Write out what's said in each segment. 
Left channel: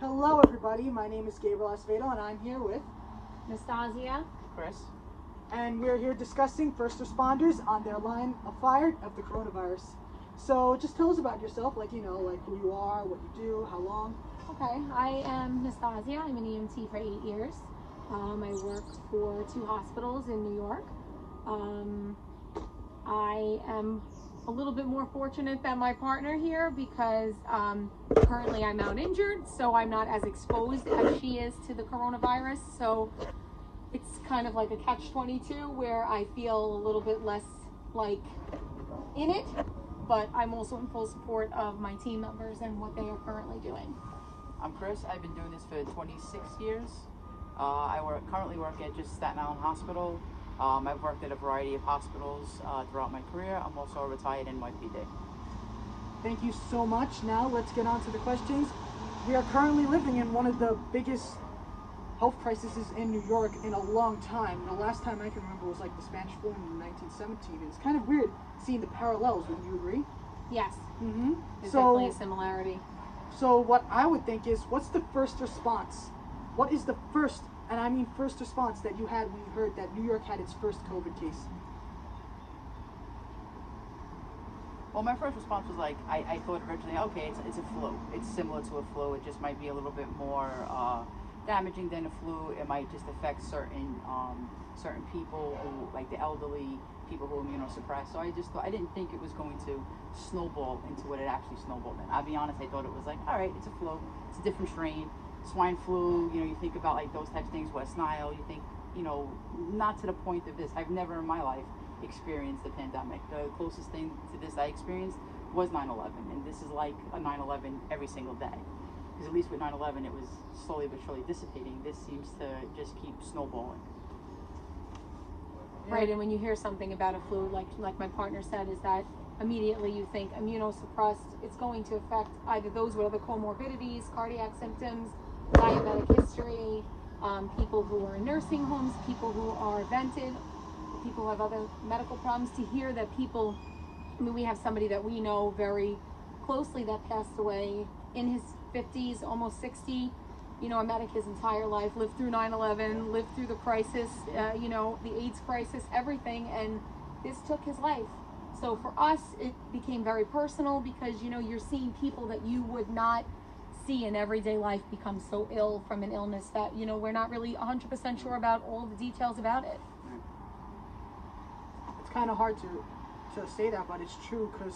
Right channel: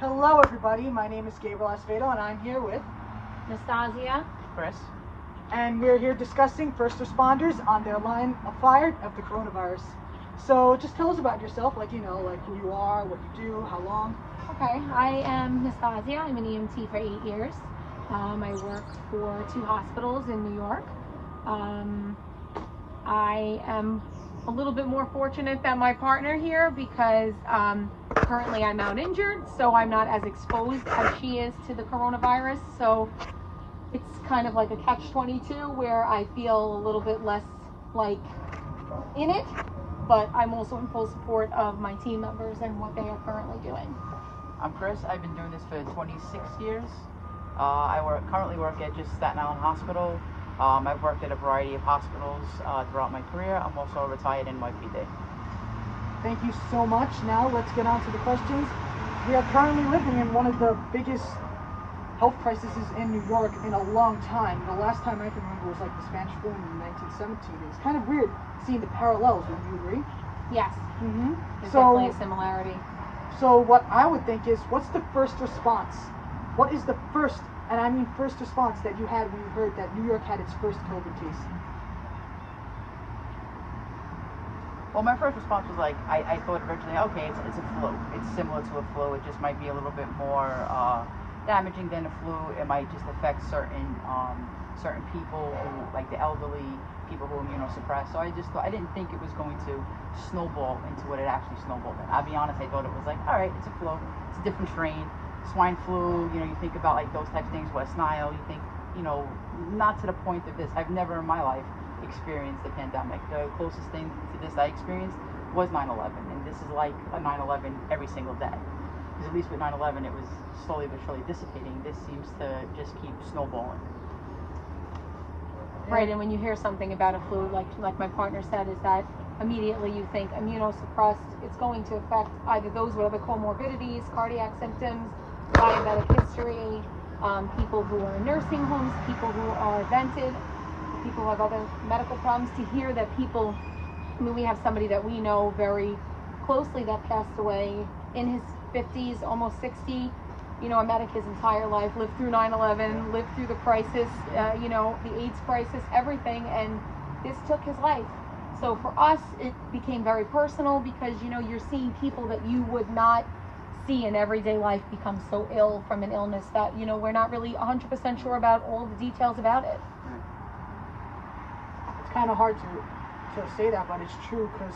Hello everybody, my name is Gabriel Acevedo and I'm here with Nastassia. Chris. and we're here discussing first responders on their line of fire of the coronavirus. So just tell us about yourself, like who you are, what you do, how long. Okay, I am Nastassia. I'm an EMT for 8 years. I work for 2 hospitals in New York. I am a little bit more fortunate than my partner here because currently I'm out injured, so I'm not as exposed as she is to the coronavirus. So it's kind of like a catch-22 where I feel a little bit less like in it, but I'm also in full support of my team members and what they are currently doing. I'm Chris. I've been doing this for 26 years. I currently work at just Staten Island Hospital. I've worked at a variety of hospitals throughout my career. I'm also retired NYPD. Thank you so much. Now let's get on to the questions. We are currently living in one of the biggest health crises in New York in a long time. The last time I can remember was like the Spanish flu in 1917. It's kind of weird seeing the parallels. Would you agree? Yes, Mm-hmm. there's definitely a similarity. So what I would think is, what's the first response? What is the first, and I mean first response that you had when you heard that New York had its first COVID case? Well, my first response was like, I thought originally, okay, it's a flu. It's similar to a flu. It just might be a little bit more damaging than a flu. It might just affect certain people, who, like the elderly, people who are immunosuppressed. So I didn't think it was going to snowball into what it actually snowballed in. I'll be honest, I thought it was like, all right, it's a flu. It's a different strain. Swine flu, you think about like those types of things, West Nile, you think, not to the point of this. I've never in my life experienced the pandemic. The closest thing to this I experienced was 9/11, and this is like a 9/11 every single day. Because at least with 9/11, it was slowly but surely dissipating. This seems to just keep snowballing. Right, and when you hear something about a flu, like my partner said, is that immediately you think immunosuppressed. It's going to affect either those with other comorbidities, cardiac symptoms, diabetic history, people who are in nursing homes, people who are vented, people who have other medical problems. To hear that people, we have somebody that we know very closely that passed away in his 50s, almost 60, a medic his entire life, lived through 9/11, lived through the crisis, the AIDS crisis, everything, and this took his life. So for us, it became very personal because, you're seeing people that you would not see in everyday life become so ill from an illness that, we're not really 100% sure about all the details about it. It's kind of hard to say that, but it's true because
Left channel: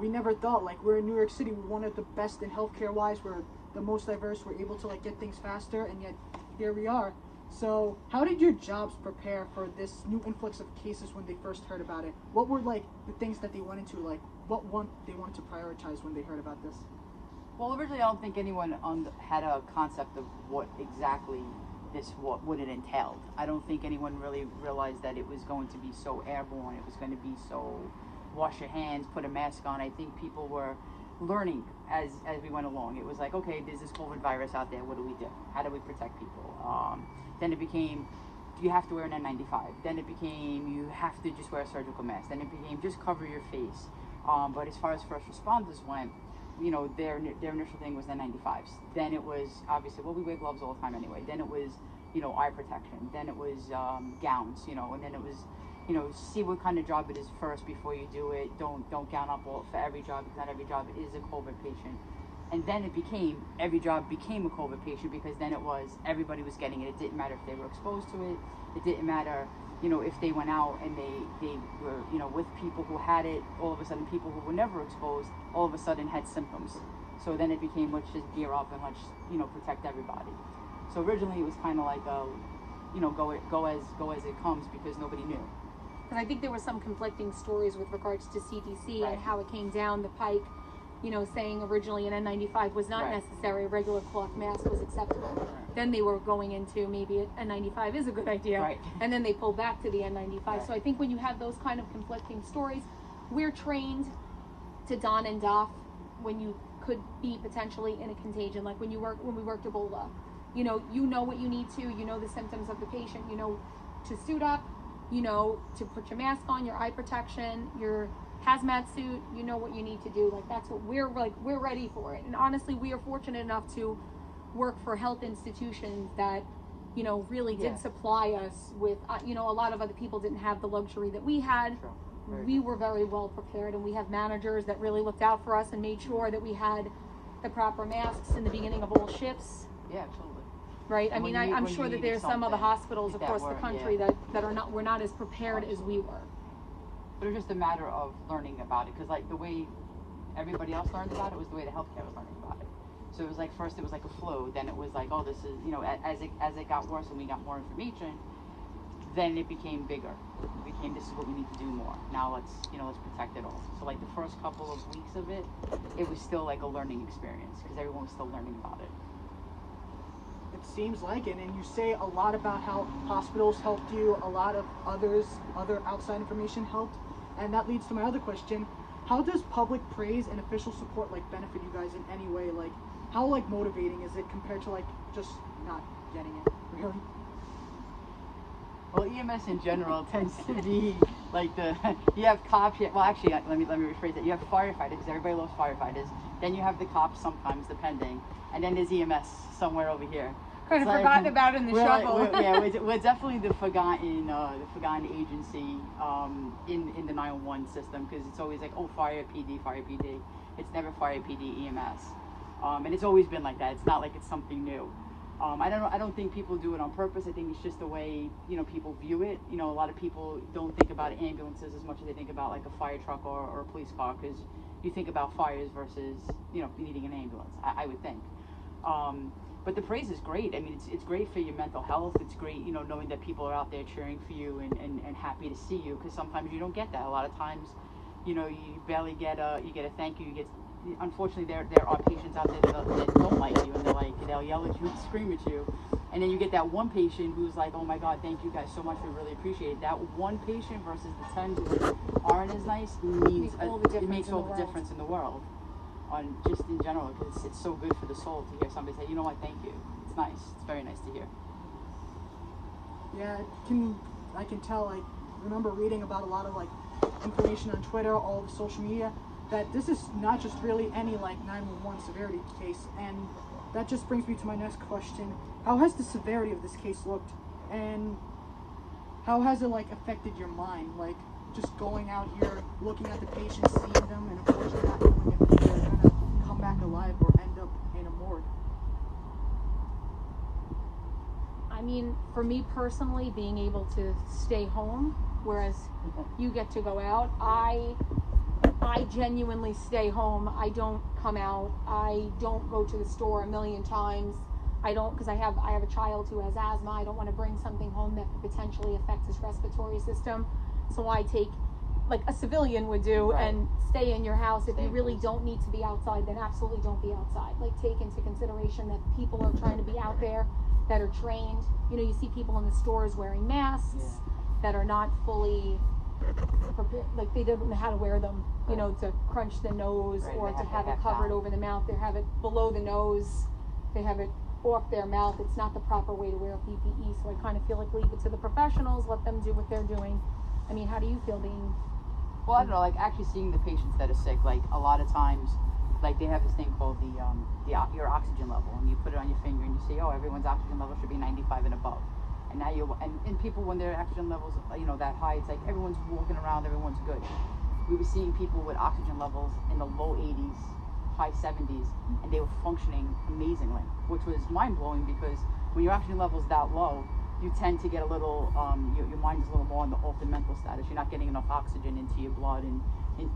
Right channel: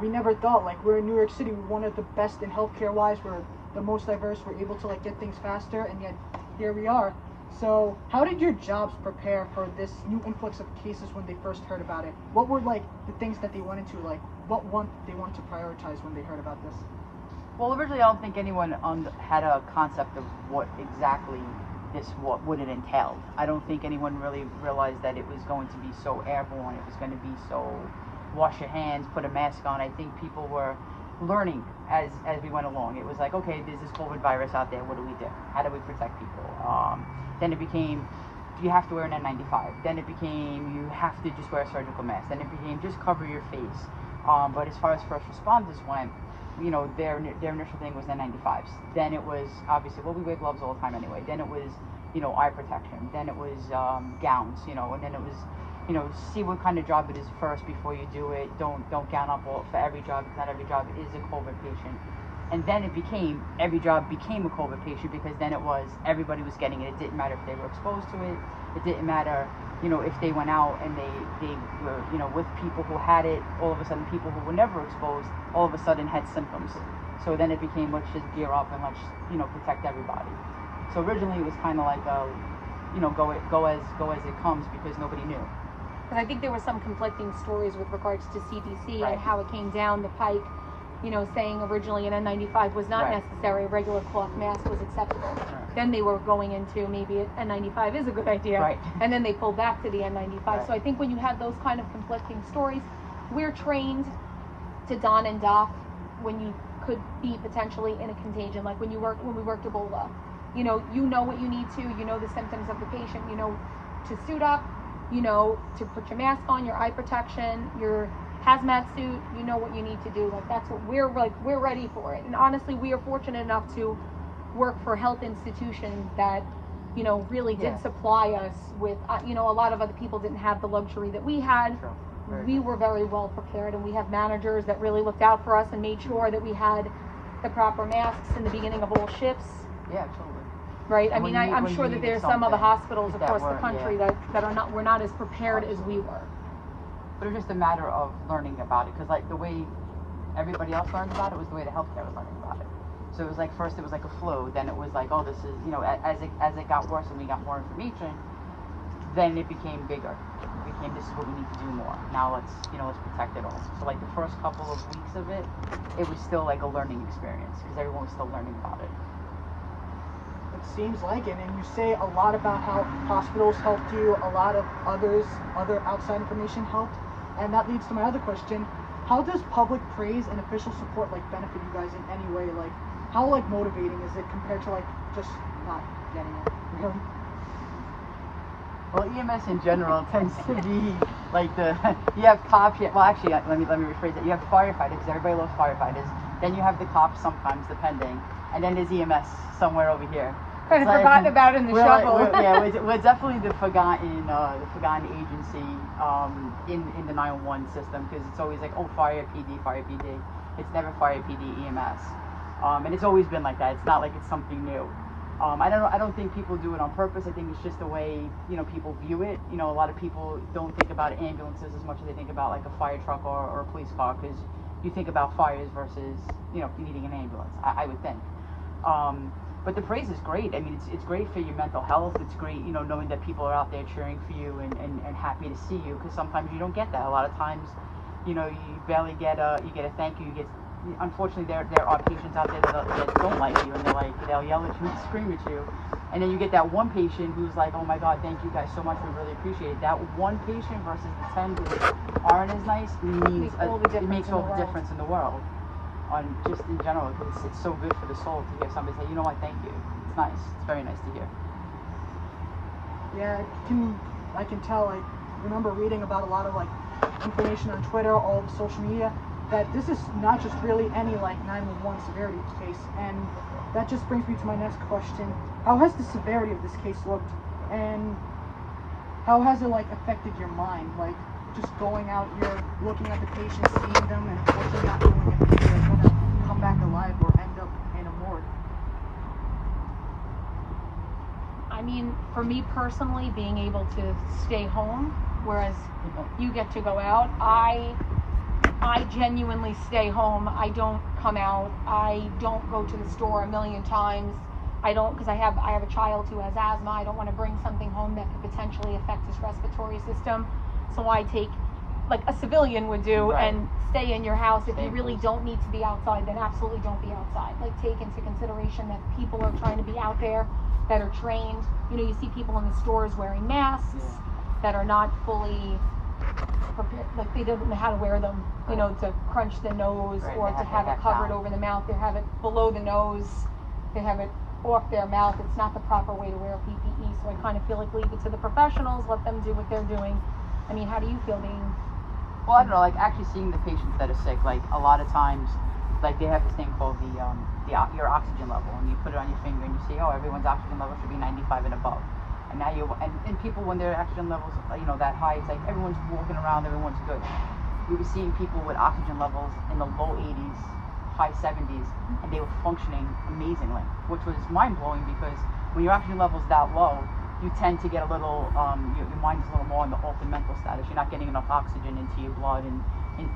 we never thought, like, we're in New York City, we're one of the best in healthcare wise, we're the most diverse, we're able to like get things faster, and yet here we are. So how did your jobs prepare for this new influx of cases when they first heard about it? What were like the things that they went into, like what they wanted to prioritize when they heard about this? Well, originally I don't think anyone had a concept of what exactly what it entailed. I don't think anyone really realized that it was going to be so airborne. It was going to be so wash your hands, put a mask on. I think people were learning as we went along. It was like, okay, there's this COVID virus out there. What do we do? How do we protect people? Then it became, you have to wear an N95. Then it became, you have to just wear a surgical mask. Then it became, just cover your face. But as far as first responders went, their initial thing was N95s. Then it was, obviously, well, we wear gloves all the time anyway. Then it was, eye protection. Then it was gowns, and then it was, see what kind of job it is first before you do it. Don't gown up for every job. Not every job is a COVID patient. And then it became, every job became a COVID patient because then it was, everybody was getting it. It didn't matter if they were exposed to it. It didn't matter, if they went out and they were, with people who had it, all of a sudden people who were never exposed, all of a sudden had symptoms. So then it became, let's just gear up and let's, protect everybody. So originally it was kind of like, go as it comes because nobody knew. And I think there were some conflicting stories with regards to CDC Right. and how it came down the pike, saying originally an N95 was not Right. necessary, a regular cloth mask was acceptable. Right. Then they were going into maybe an N95 is a good idea, Right. and then they pulled back to the N95. Right. So I think when you have those kind of conflicting stories, we're trained to don and doff when you could be potentially in a contagion, like when we worked Ebola. You know what you need to, the symptoms of the patient, to suit up, to put your mask on, your eye protection, your hazmat suit, you know what you need to do. Like, that's what we're ready for it. And honestly, we are fortunate enough to work for health institutions that, you know, really did Yeah. supply us with, you know, a lot of other people didn't have the luxury that we had. True. Very We true. were very well prepared, and we have managers that really looked out for us and made sure that we had the proper masks in the beginning of all shifts, Yeah, absolutely. right? I And mean, when you- I'm when sure you that needed there's some other something hospitals that across the weren't, country yeah. that were not as prepared as we were. But it's just a matter of learning about it, because like the way everybody else learned about it was the way the healthcare was learning about it. So it was like first it was like a flu, then it was like, oh, this is, you know, as it got worse and we got more information, then it became bigger. It became, this is what we need to do more. Now let's protect it also. So like the first couple of weeks of it, it was still like a learning experience because everyone was still learning about it. It seems like it, and you say a lot about how hospitals helped you, a lot of other outside information helped, and that leads to my other question: how does public praise and official support like benefit you guys in any way? Like, how like motivating is it compared to like just not getting it? Really? Well, EMS in general tends to be like you have cops. Well, actually, let me rephrase it. You have firefighters. Everybody loves firefighters. Then you have the cops sometimes, depending, and then there's EMS somewhere over here. Kind of It's like- forgotten about in the we're shuffle. we're definitely the forgotten agency in the 911 system, because it's always like, oh, fire PD. It's never fire PD EMS, and it's always been like that. It's not like it's something new. I don't think people do it on purpose. I think it's just the way, you know, people view it. You know, a lot of people don't think about ambulances as much as they think about like a fire truck or a police car, because you think about fires versus, you know, needing an ambulance, I would think. But the praise is great. I mean, it's great for your mental health. It's great, you know, knowing that people are out there cheering for you and happy to see you, because sometimes you don't get that. A lot of times, you know, you barely get a thank you. Unfortunately, there are patients out there that don't like you, and they'll yell at you and scream at you, and then you get that one patient who's like, oh my God, thank you guys so much, we really appreciate it. That one patient versus the 10 who aren't as nice means it makes all the difference in the world. On just in general, because it's so good for the soul to hear somebody say, you know what, thank you. It's nice. It's very nice to hear. Yeah, I can tell. Like, remember reading about a lot of like information on Twitter, all the social media, that this is not just really any like 911 severity case, and that just brings me to my next question: how has the severity of this case looked, and how has it like affected your mind? Like, just going out here, looking at the patients, seeing them, and unfortunately not knowing if they're gonna come back alive or end up in a morgue. I mean, for me personally, being able to stay home, whereas you get to go out, I genuinely stay home. I don't come out. I don't go to the store a million times. I don't, because I have a child who has asthma. I don't want to bring something home that could potentially affect his respiratory system. So I take, like a civilian would do, Right. and stay in your house. If Stay you really close. don't need to be outside, then absolutely don't be outside. Like, take into consideration that people are trying to be out there that are trained. You know, you see people in the stores wearing masks that are not fully prepared, like they don't know how to wear them, you know, to crunch the nose, Right, or they to have have it covered down. over the mouth. They have it below the nose. They have it off their mouth. It's not the proper way to wear PPE. So I kind of feel like leave it to the professionals, let them do what they're doing. I mean, how do you feel being? Well, I don't know, like actually seeing the patients that are sick, like a lot of times, like they have this thing called your oxygen level, and you put it on your finger and you see, oh, everyone's oxygen level should be 95 and above. And now and people, when their oxygen levels, you know, that high, it's like everyone's walking around, everyone's good. We were seeing people with oxygen levels in the low 80s, high 70s, and they were functioning amazingly, which was mind-blowing, because when your oxygen level's that low, you tend to get a little, your mind's a little more in the altered mental status. You're not getting enough oxygen into your blood and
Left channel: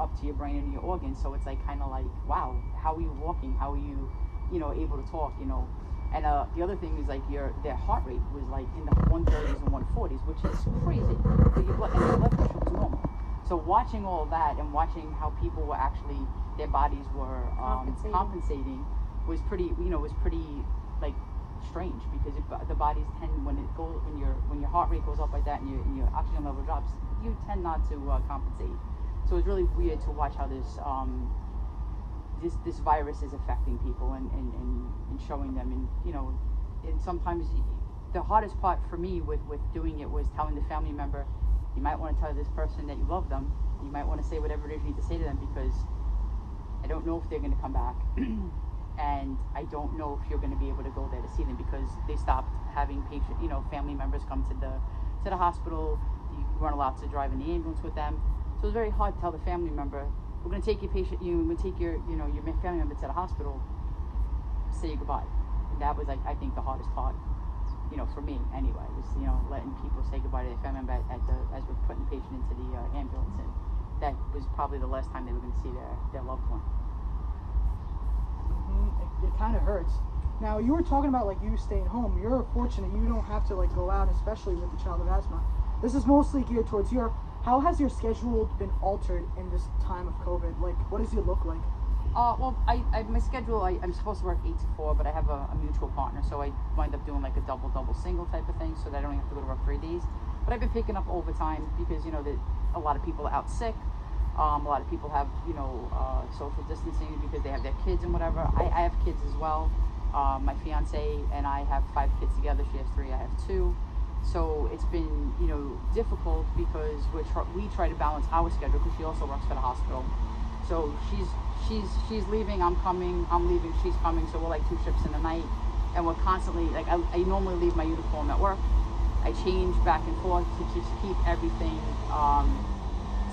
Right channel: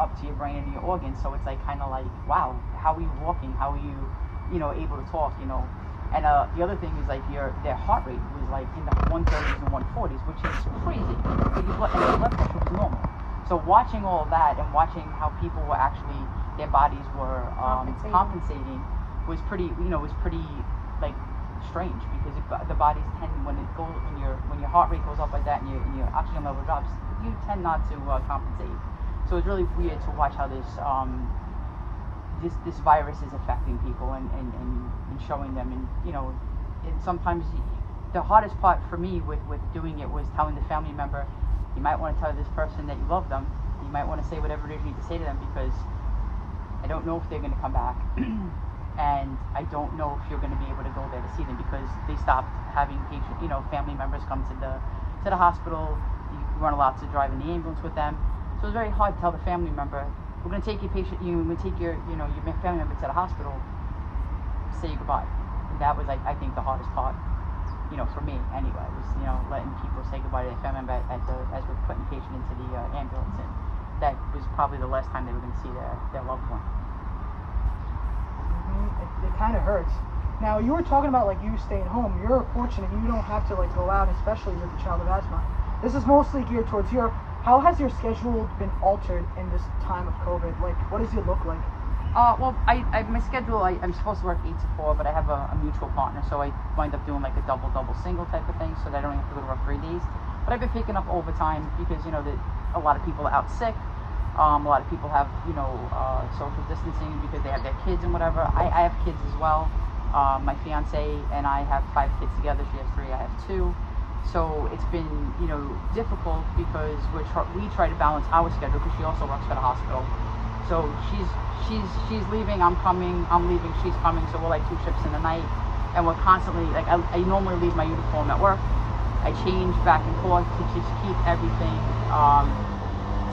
up to your brain and your organs. So it's like kind of like, wow, how are you walking? How are you, you know, able to talk? You know. And the other thing is like their heart rate was like in the 130s and 140s, which is crazy. But your blood pressure was normal. So watching all of that and watching how people were actually, their bodies were compensating was pretty, you know, like strange, because the bodies tend, when your heart rate goes up like that and your oxygen level drops, you tend not to compensate. So it's really weird to watch how this virus is affecting people and showing them, and you know, and sometimes the hardest part for me with doing it was telling the family member, you might want to tell this person that you love them, you might want to say whatever it is you need to say to them, because I don't know if they're going to come back. and I don't know if you're going to be able to go there to see them because they stopped having family members come to the hospital. You weren't allowed to drive in the ambulance with them, so it was very hard to tell the family member, we're going to take your patient, we're going to take your family member to the hospital, say goodbye. And that was, I think, the hardest part, for me anyway, was letting people say goodbye to their family member as we're putting the patient into the ambulance, and that was probably the last time they were going to see their loved one. It kind of hurts. Now, you were talking about like you staying home. You're fortunate you don't have to like go out, especially with the child of asthma. This is mostly geared towards you. How has your schedule been altered in this time of COVID? Like, what does it look like? Well, my schedule, I'm supposed to work 8 to 4, but I have a mutual partner, so I wind up doing like a double single type of thing, so that I don't have to go to work 3 days. But I've been picking up overtime because that a lot of people are out sick. A lot of people have social distancing because they have their kids and whatever. I have kids as well. My fiance and I have 5 kids together. She has 3, I have 2. So it's been difficult because we try to balance our schedule because she also works for the hospital. So she's leaving, I'm coming, I'm leaving, she's coming. So we're like 2 shifts in the night, and we're constantly like I normally leave my uniform at work. I change back and forth to just keep everything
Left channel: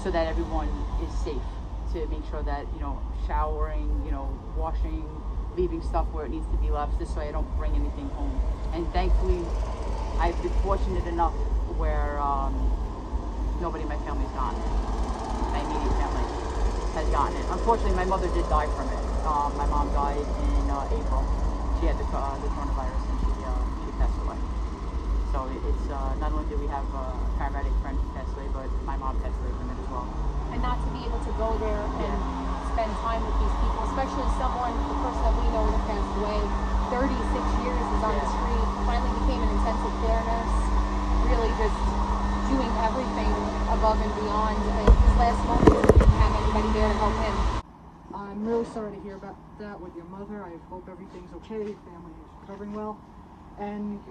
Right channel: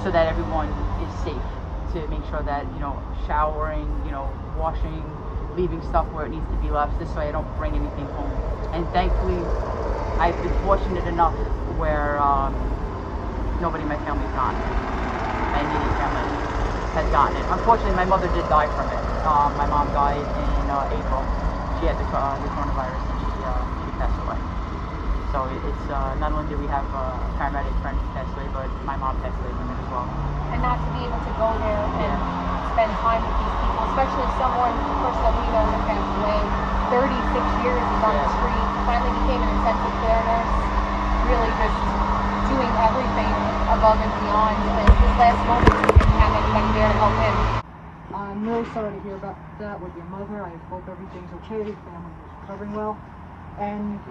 so that everyone is safe. To make sure that showering, washing, leaving stuff where it needs to be left, this way I don't bring anything home. And thankfully, I've been fortunate enough where nobody in my family's gotten it. My immediate family has gotten it. Unfortunately, my mother did die from it. My mom died in April. She had the coronavirus and she passed away. So it's not only did we have a paramedic friend who passed away, but my mom passed away from it as well. And not to be able to go there and spend time with these people, especially a person that we know that passed away, 36 years is on the street, finally became an intensive care nurse, really just doing everything above and beyond. And his last moments, he didn't have anybody there to help him. I'm really sorry to hear about that with your mother. I hope everything's okay, family is recovering well. And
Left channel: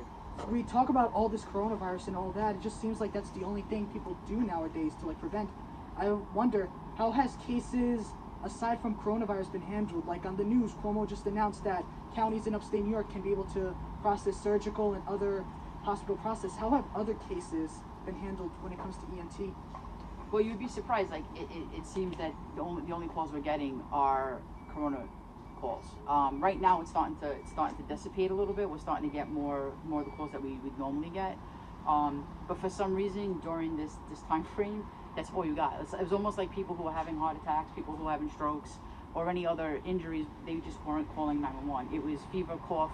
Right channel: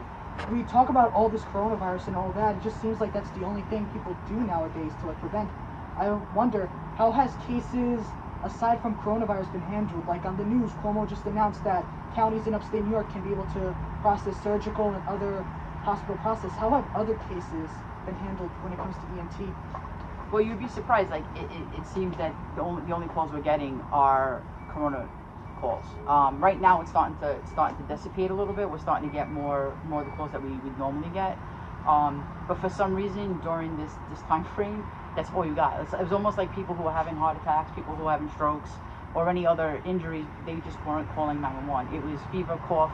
we talk about all this coronavirus and all that, it just seems like that's the only thing people do nowadays to like prevent. I wonder, how has cases aside from coronavirus been handled? Like on the news, Cuomo just announced that counties in upstate New York can be able to process surgical and other hospital process. How have other cases been handled when it comes to ENT? Well, you'd be surprised. Like it seems that the only calls we're getting are corona calls. Right now, it's starting to dissipate a little bit. We're starting to get more of the calls that we would normally get. But for some reason, during this time frame, that's all you got. It was almost like people who were having heart attacks, people who were having strokes, or any other injuries. They just weren't calling 911. It was fever, cough,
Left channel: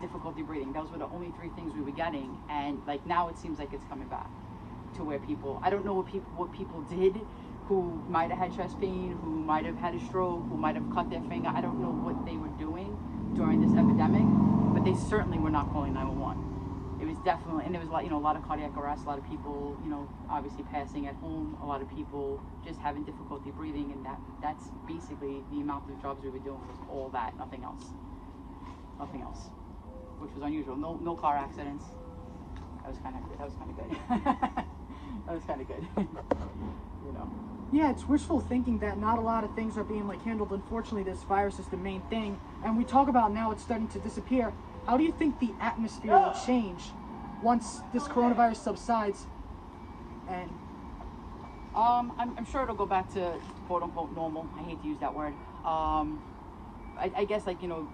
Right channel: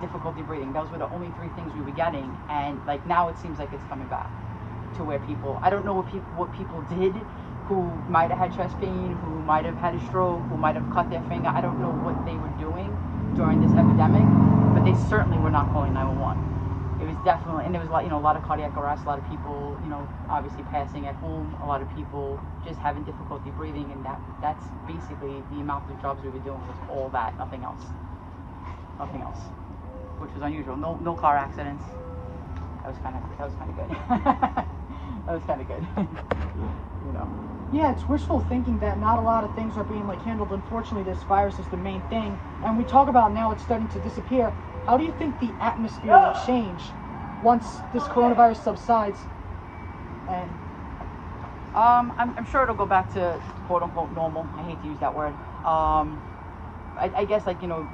difficulty breathing. Those were the only 3 things we were getting. And like now, it seems like it's coming back to where people. I don't know what people did, who might have had chest pain, who might have had a stroke, who might have cut their finger. I don't know what they were doing during this epidemic, but they certainly were not calling 911. It was definitely, and there was a lot of cardiac arrest, a lot of people, obviously passing at home, a lot of people just having difficulty breathing, and that's basically the amount of jobs we were doing was all that, nothing else, which was unusual. No car accidents. That was kind of good. That was kind of good. Yeah, it's wishful thinking that not a lot of things are being like handled. Unfortunately, this virus is the main thing, and we talk about now it's starting to disappear. How do you think the atmosphere will change once this coronavirus subsides? And I'm sure it'll go back to quote unquote normal. I hate to use that word. I guess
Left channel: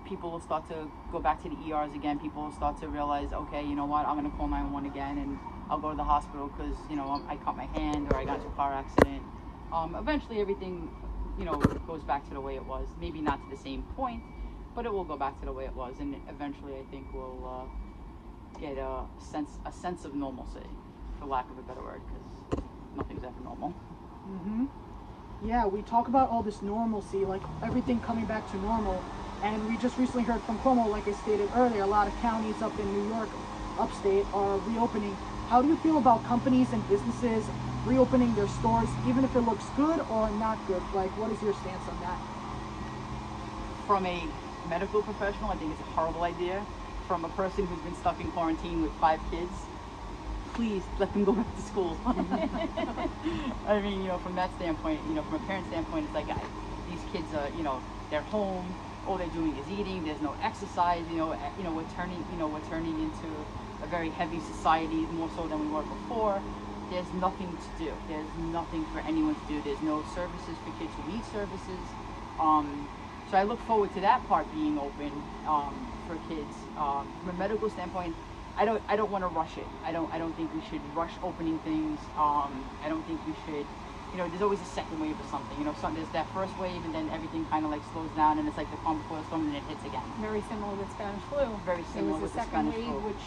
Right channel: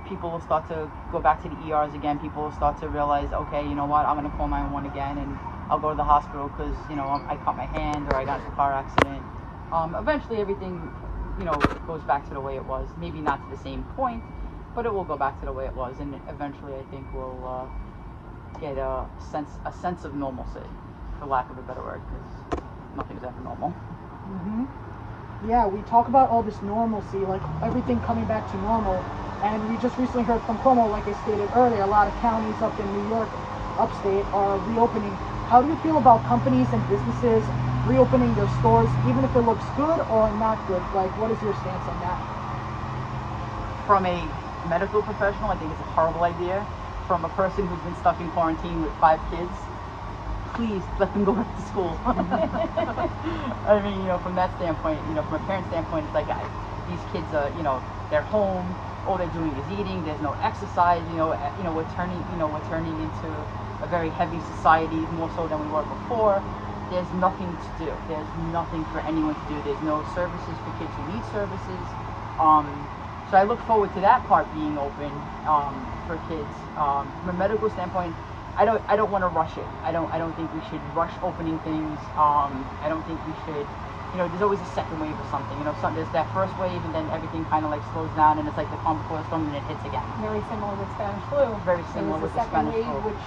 people will start to go back to the ERs again. People will start to realize, okay, you know what, I'm gonna call 911 again, and I'll go to the hospital because I cut my hand or I got into a car accident. Eventually everything goes back to the way it was. Maybe not to the same point, but it will go back to the way it was, and eventually I think we'll get a sense of normalcy, for lack of a better word, because nothing's ever normal. Yeah, we talk about all this normalcy, like everything coming back to normal, and we just recently heard from Cuomo, like I stated earlier, a lot of counties up in New York, upstate, are reopening. How do you feel about companies and businesses reopening their stores, even if it looks good or not good? Like, what is your stance on that? From a medical professional, I think it's a horrible idea. From a person who's been stuck in quarantine with 5 kids, please let them go back to school. I mean, from that standpoint, from a parent standpoint, it's like these kids are, they're home, all they're doing is eating. There's no exercise. We're turning into a very heavy society, more so than we were before. There's nothing to do. There's nothing for anyone to do. There's no services for kids who need services. So I look forward to that part being open for kids. From a medical standpoint, I don't want to rush it. I don't think we should rush opening things. I don't think we should. There's always a second wave or something. There's that first wave, and then everything kind of like slows down, and it's like the calm before the storm, and it hits again. Very similar with Spanish flu. Very similar with the second Spanish wave, flu, which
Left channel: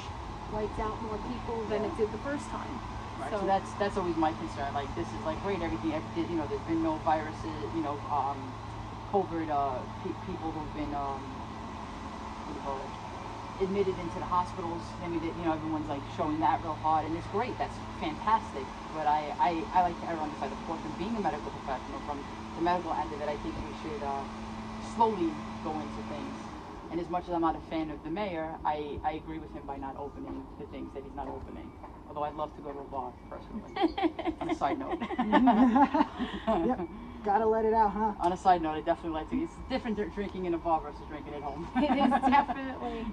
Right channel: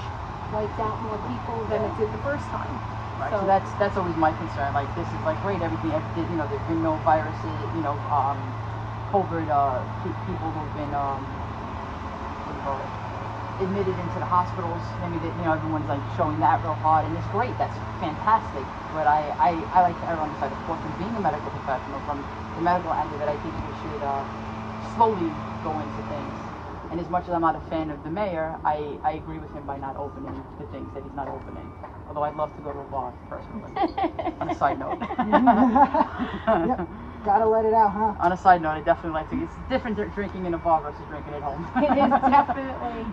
wiped out more people than it did the first time. Right. So that's always my concern. Like, this is like great, everything. There's been no viruses. COVID. People who've been admitted into the hospitals. Everyone's like showing that real hard, and it's great. That's fantastic. But I like to err on the side of caution, being a medical professional, from the medical end of it. I think we should slowly go into things. And as much as I'm not a fan of the mayor, I agree with him by not opening the things that he's not opening. Although I'd love to go to a bar, personally. On a side note. Yep. Gotta let it out, huh? On a side note, I definitely like to. It's different drinking in a bar versus drinking at home. It is definitely.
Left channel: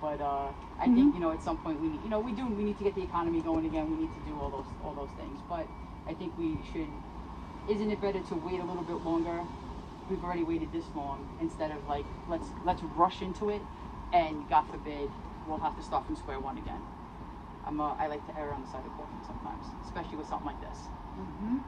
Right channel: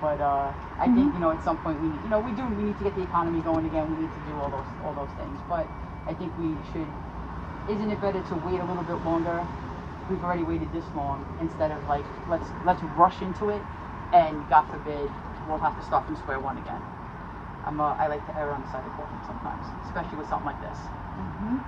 But I think at some point we need to get the economy going again. We need to do all those things. But I think we should. Isn't it better to wait a little bit longer? We've already waited this long, instead of like let's rush into it, and God forbid we'll have to start from square one again. I like to err on the side of caution sometimes, especially with something like this. Mm-hmm.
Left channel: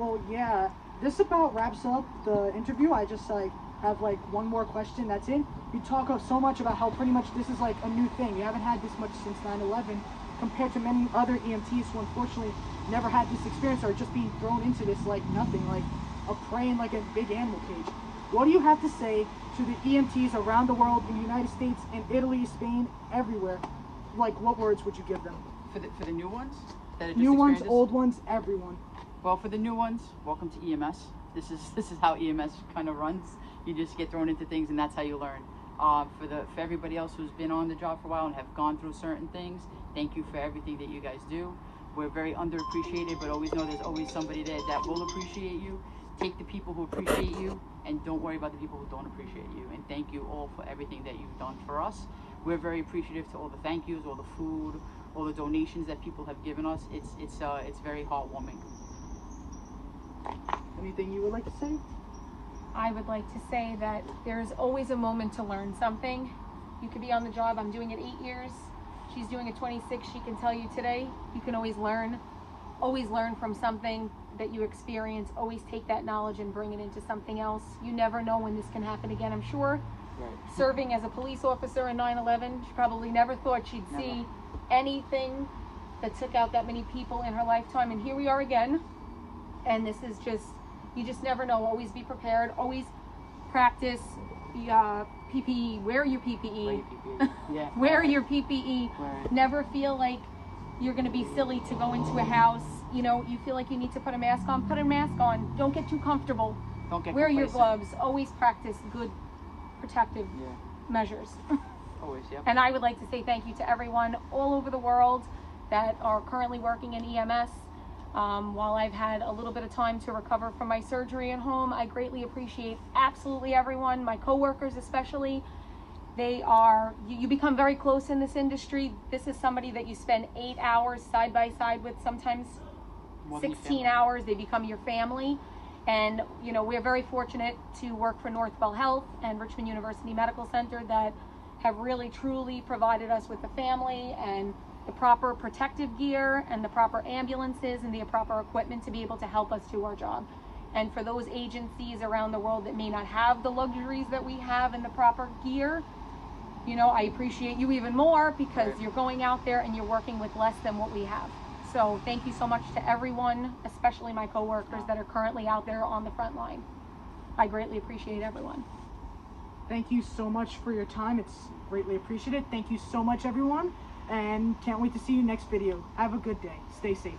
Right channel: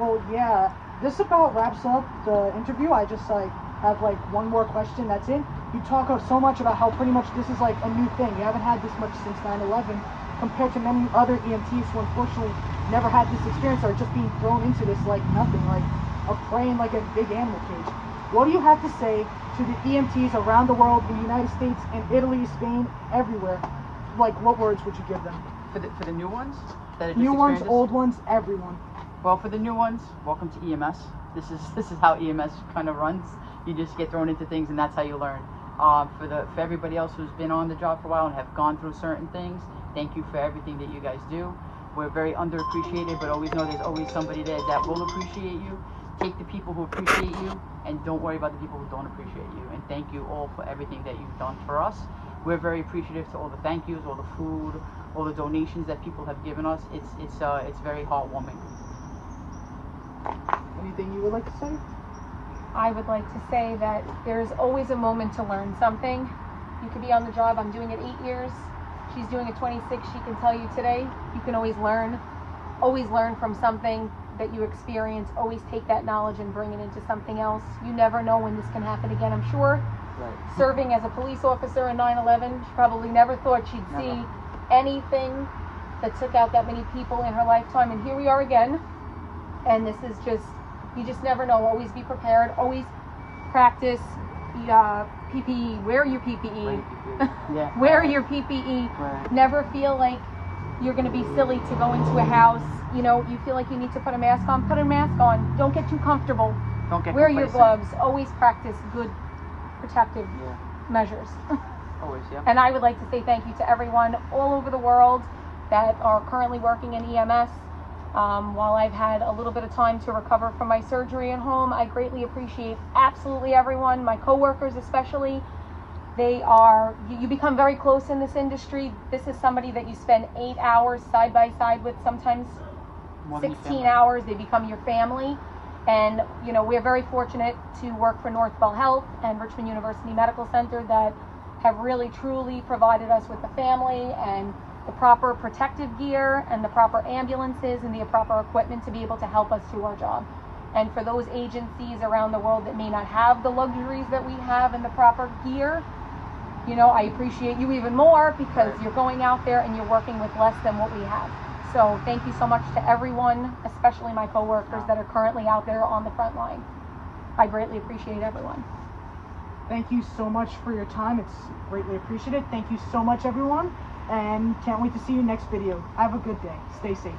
Well, yeah. This about wraps up the interview. I just have one more question. That's it. You talk so much about how pretty much this is like a new thing. You haven't had this much since 9/11, compared to many other EMTs who unfortunately never had this experience, or just being thrown into this like nothing, like a prey in like a big animal cage. What do you have to say to the EMTs around the world, in the United States, in Italy, Spain, everywhere? Like, what words would you give them? For the new ones? New ones, old ones, everyone. Well, for the new ones, welcome to EMS. This is how EMS kind of runs. You just get thrown into things, and that's how you learn. For everybody else who's been on the job for a while and have gone through certain things, thank you for everything that you guys do. We're very underappreciated, but always know there's always somebody there that will appreciate you. Take the people who appreciate you, and don't worry about the people who don't appreciate you. And thank you all for everything that you've done for us. We're very appreciative to all the thank yous, all the food, all the donations that people have given us. It's very heartwarming. Anything you would like to say? I would like to say that there's always a moment to learn something. You could be on the job. I'm doing it 8 years. She's doing it 26. She can tell you today. You can always learn from something that you experience. Always take that knowledge and bring it into something else. You never know when this can happen again. I'm sure. Right. Serving as a police officer in 9/11, she probably never thought she'd see anything that took out that many people in her lifetime. And here we are again. And this is you just never know. Always be prepared. Always practice PPE. Wear your PPE. Yeah. Wear your PPE. Right. Never feel like you're going to be silly to go into a house. You feel like you need to put a mask on. Put a mask on. Don't get too comfortable. Don't get Wear complacent. your gloves. Always practice good protective measures. Always, yeah. And I would like to say thank you to everyone all over the world that are currently working in EMS. While I've had a little bit of time to recover from my surgery at home, I greatly appreciate absolutely everyone, my coworkers especially. You become very close in this industry. This is somebody that you spend 8 hours side by side with, sometimes 16 hours. They become your family. And, we're very fortunate to work for Northwell Health and Richmond University Medical Center that have really, truly provided us with the family and the proper protective gear and the proper ambulances and the proper equipment to be able to help us do our job. And for those agencies around the world that may not have the luxuries that we have and the proper gear, I appreciate you even more, because you're going out there and you're working with less than what we have. So thank you so much to everyone, especially my coworkers that are currently out there on the front line. I greatly appreciate everyone. Thank you so much for your time. It's greatly appreciated. Thank you so much, everyone. And can't wait to see you next video. Have a good day. Stay safe.